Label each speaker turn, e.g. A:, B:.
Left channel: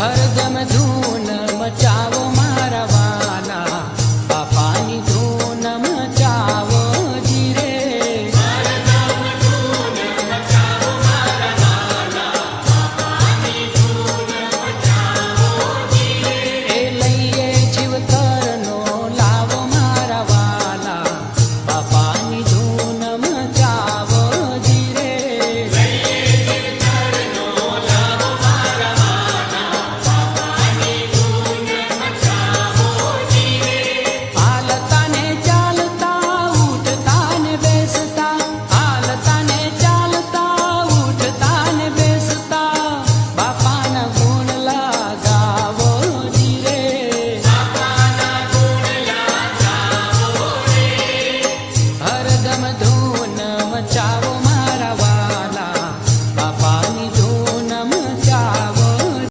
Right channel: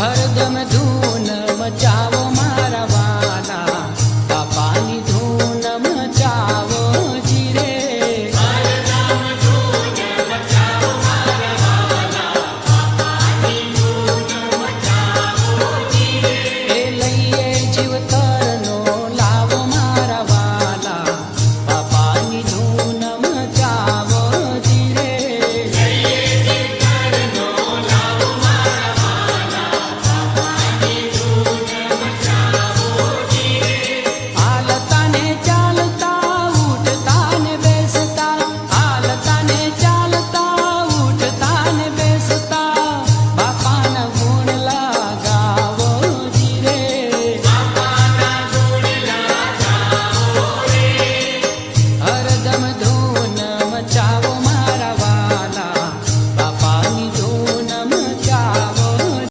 A: हरदम धून मचा धूम धून मचावो